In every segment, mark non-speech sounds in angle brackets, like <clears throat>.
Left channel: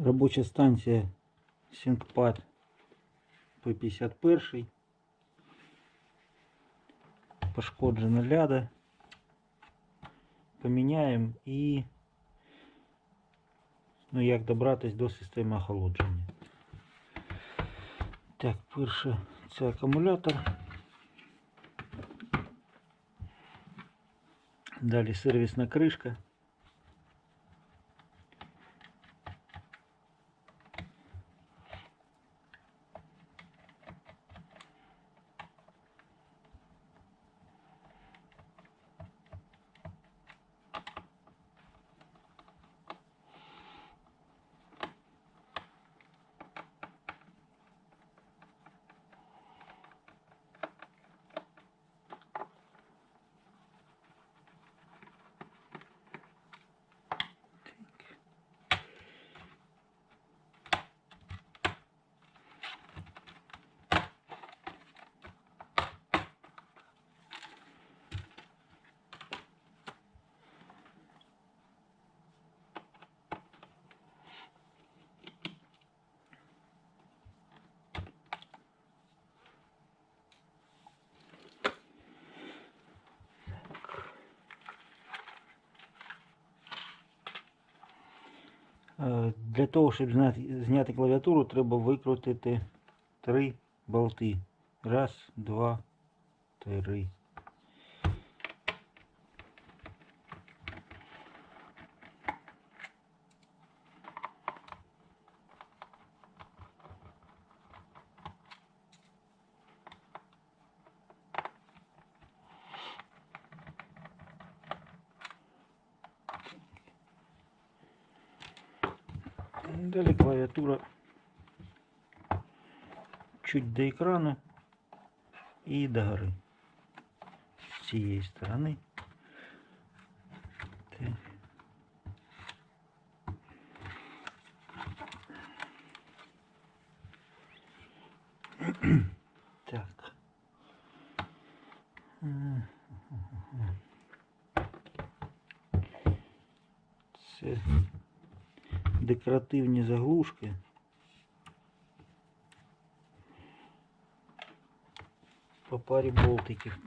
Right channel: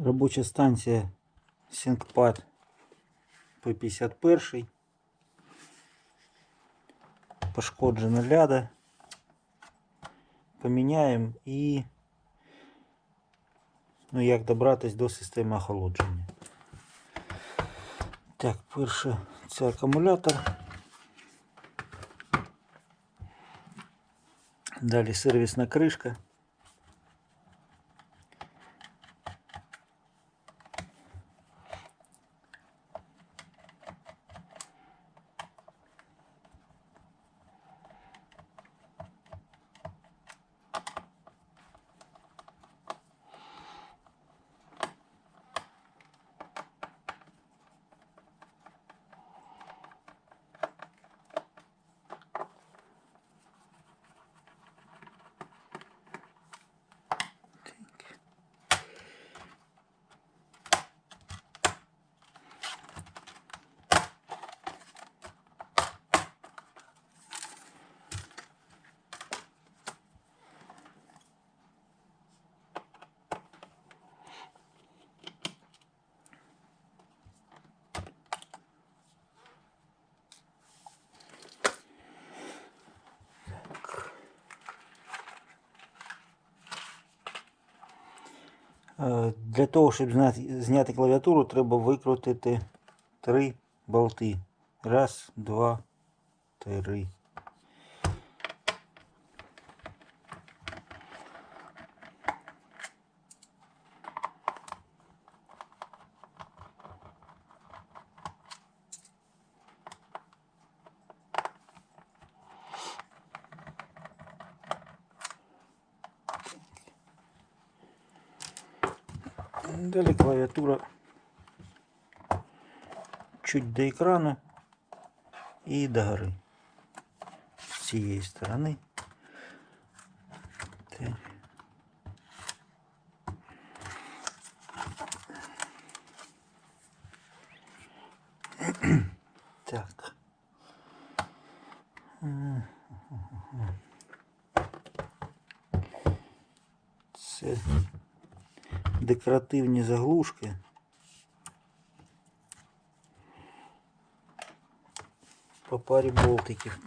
Робоча станція SyncPad P51. Пошкоджена ляда. Поміняємо і ну, як добратись до системи охолодження. Так, перше це акумулятор. Далі сервісна кришка. Для того, щоб зняти клавіатуру, треба викрутити три болти. Раз, два, три. Далі клавіатура чуть до екрану і до гори. З цієї сторони. <clears throat> Так. Це декоративні заглушки. По парі болтиків.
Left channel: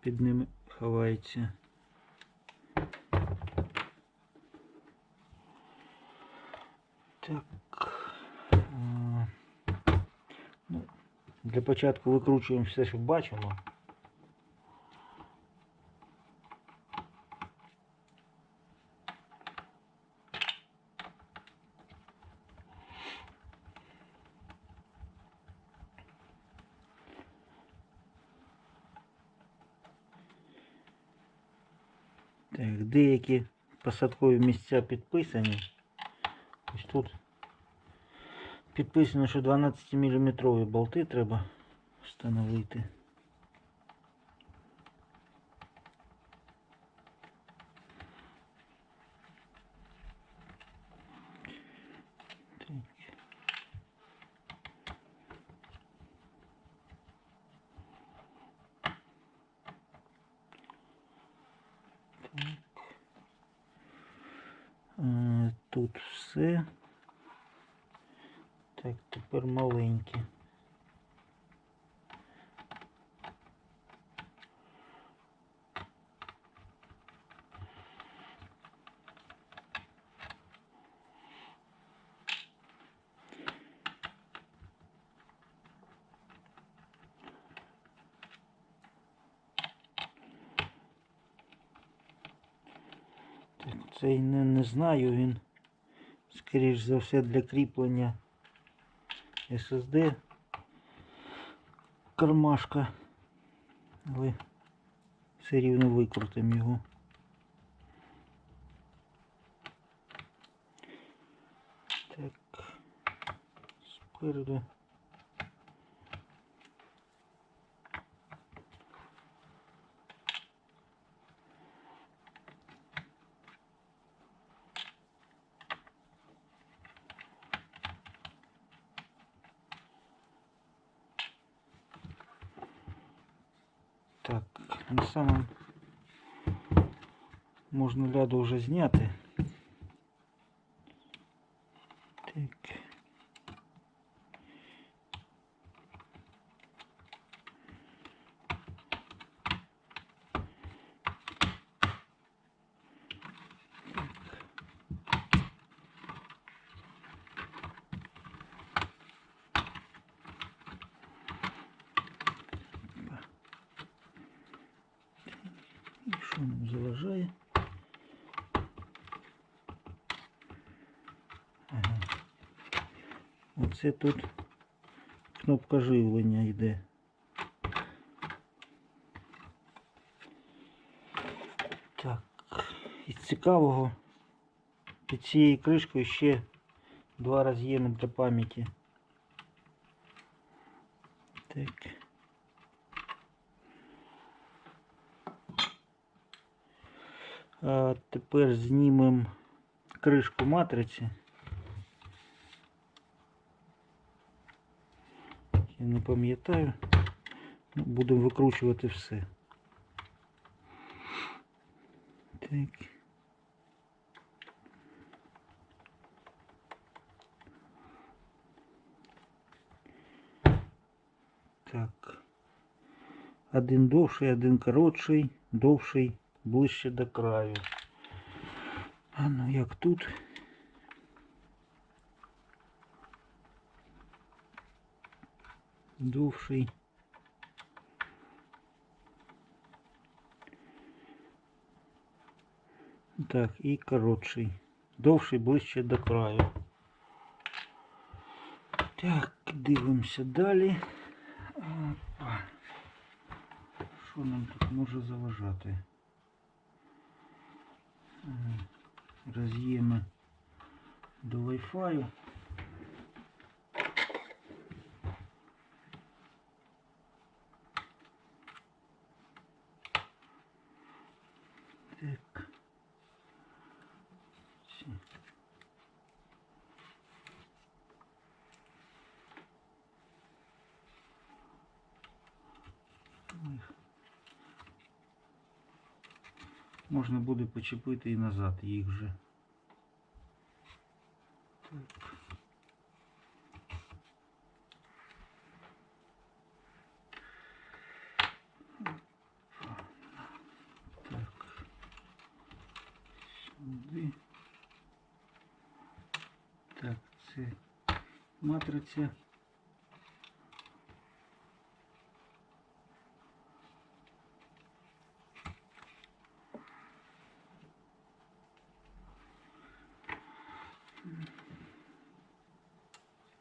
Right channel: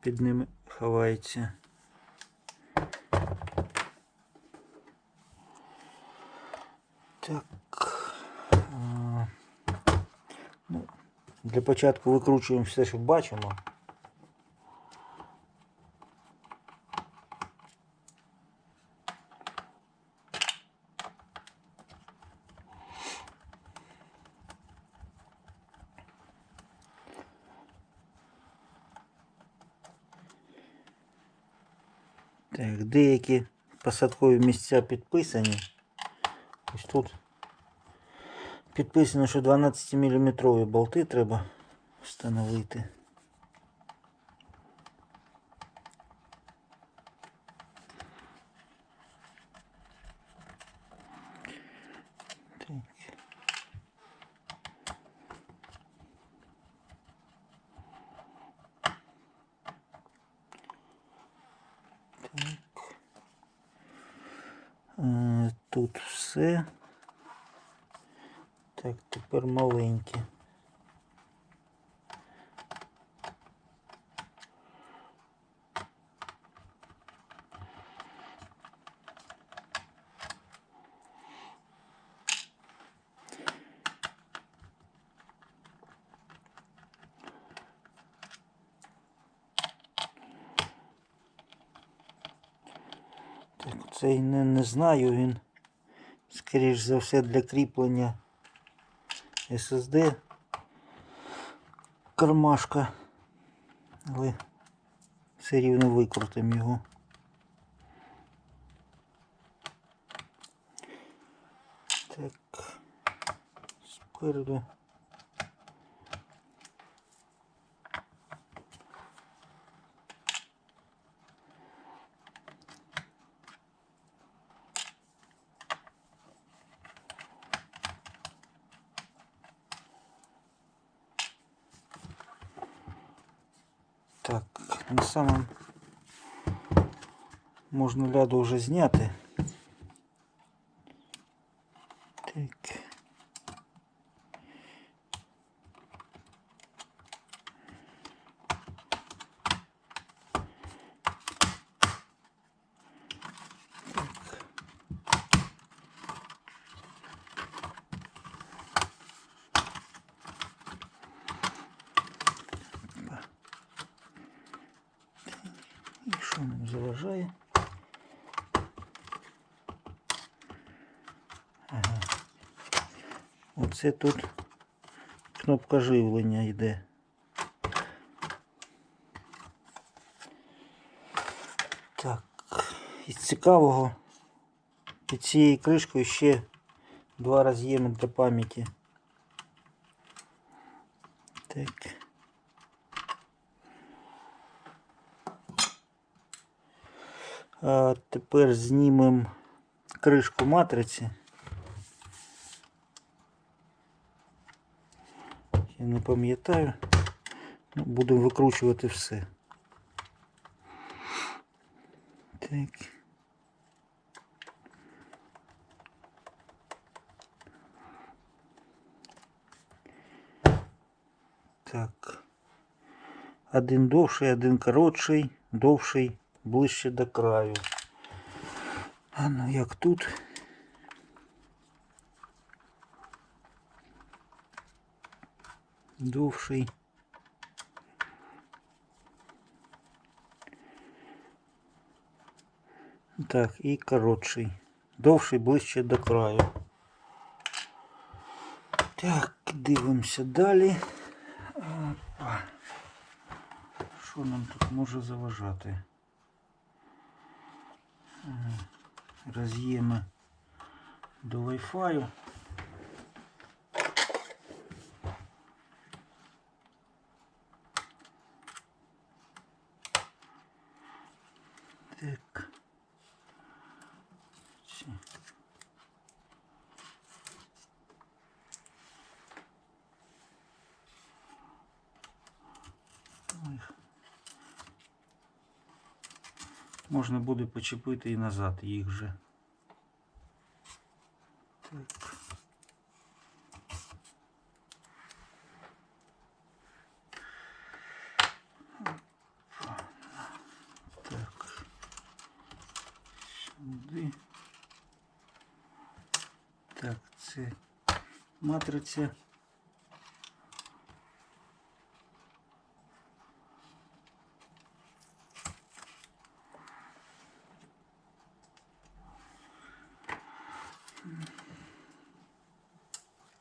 Під ними ховається. Так. Ну, для початку викручуємо все, що бачимо. Так, деякі посадкові місця підписані. Ось тут підписано, що 12 мм болти треба встановити. Так. Е, Тут все. Так, тепер маленькі. Цей не, не знаю, він, скоріш за все, для кріплення SSD кармашка. Але все рівно викрутимо його. Так, спереду. Так, на самом можна ляду вже зняти. Що заважає? Ага. Оце тут кнопка живлення йде. Так, із цікавого під цією кришкою ще два роз'єми для пам'яті. Так. А тепер знімемо кришку матриці. Я не пам'ятаю. Ну, Будемо викручувати все. Так. Так. Один довший, один коротший, довший ближче до краю. А ну як тут? Довший. Так, і коротший. Довший ближче до краю. Так, дивимося далі. Опа. Що нам тут може заважати? Роз'єми до Wi-Fi. Так. Можна буде почепити і назад їх же. Так. Так. Сюди. Так, це матриця.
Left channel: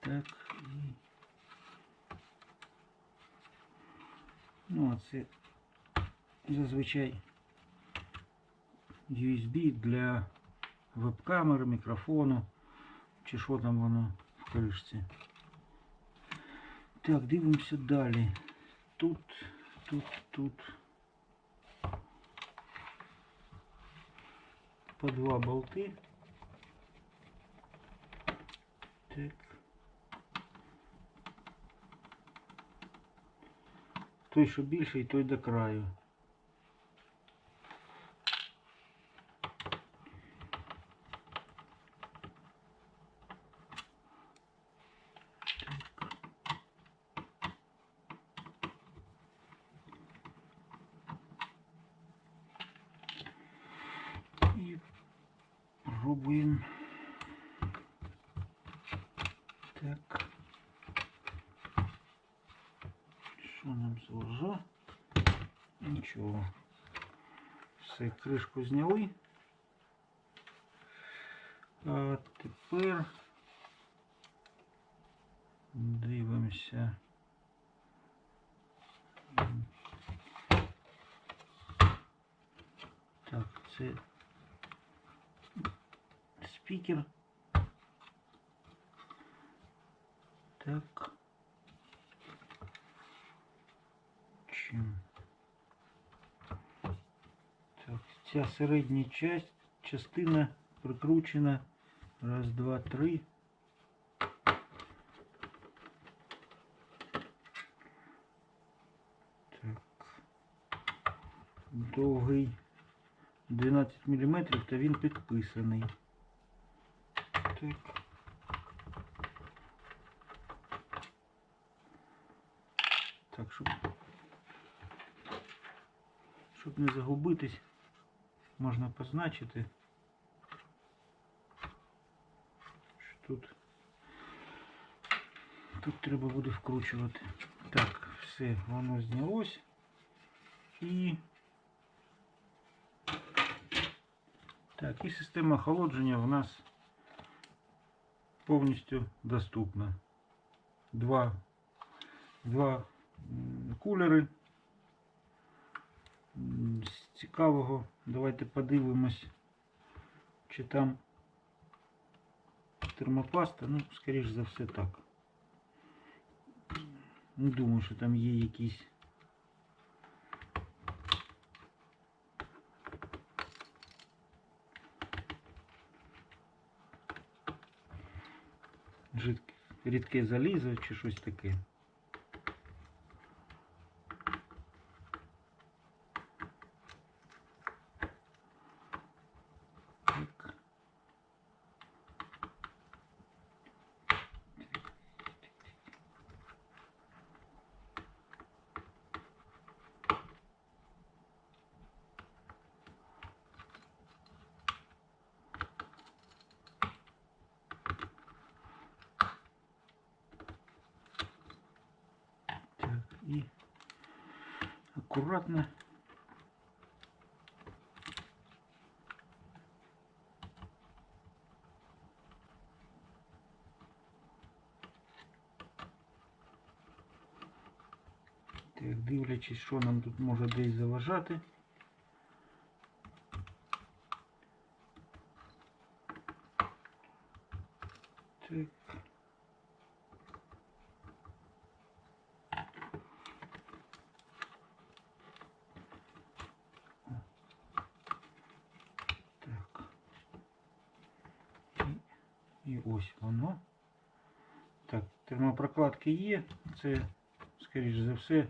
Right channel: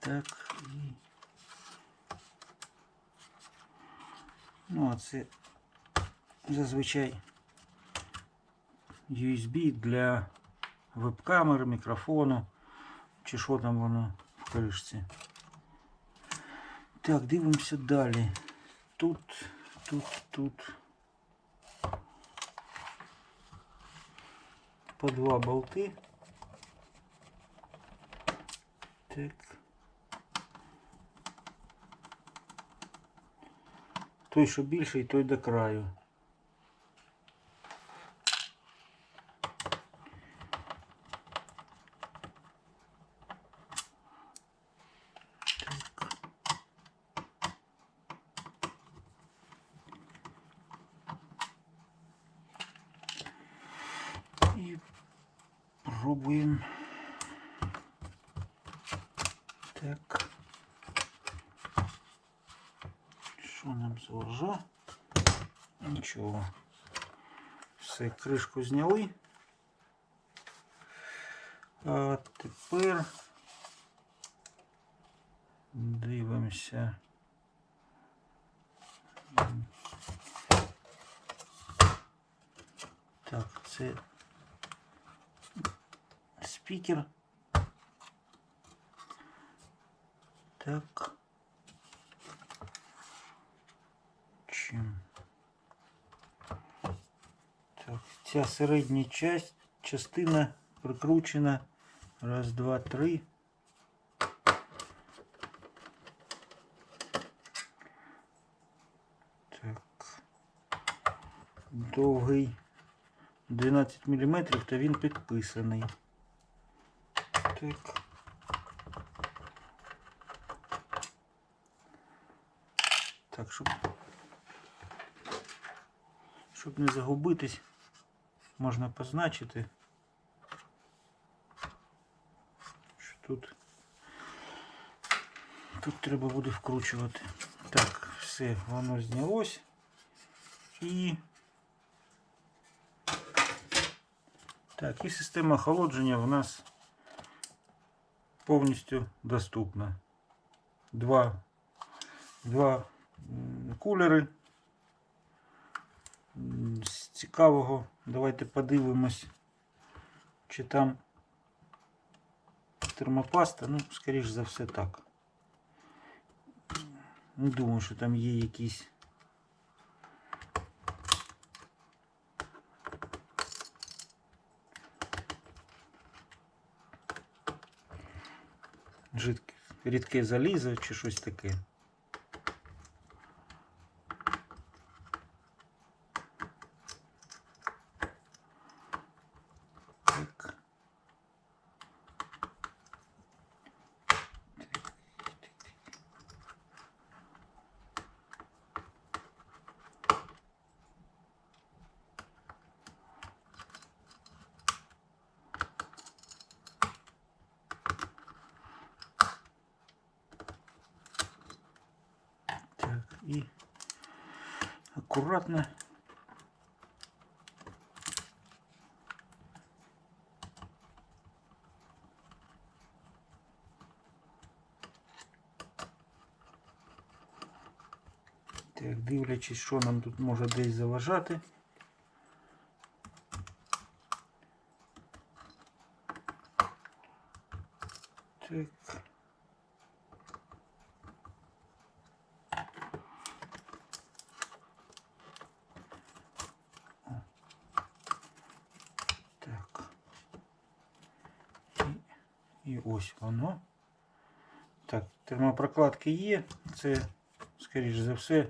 Так, і... Ну, а це зазвичай USB для веб-камери, мікрофону, чи що там воно в кришці. Так, дивимося далі. Тут, тут, тут. По два болти. Так. Той, що більший, той до краю. І пробуємо. Що нам заважає? Нічого. Все, кришку зняли. А тепер дивимося. Так, це спікер. Так. Чим? Так, ця середня часть, частина прикручена. Раз, два, три. Так. Довгий 12 мм, та він підписаний. Так. Так, щоб, щоб не загубитись, можна позначити, що тут, тут треба буде вкручувати. Так, все, воно знялось і Так, і система охолодження в нас повністю доступна. Два, два кулери. Цікавого, давайте подивимось, чи там термопаста. Ну, скоріш за все так. Не думаю, що там є якісь. Жидке, рідке залізо чи щось таке. Аккуратно. Так, дивлячись, що нам тут може десь заважати. І ось воно. Так, термопрокладки є. Це, скоріш за все,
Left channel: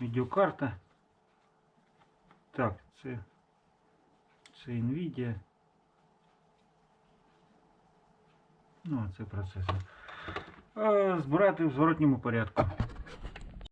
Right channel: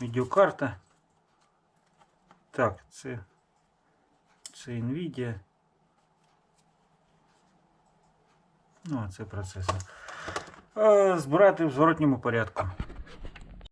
відеокарта. Так, це, це Nvidia. Ну, а це процесор. Збирати в зворотньому порядку.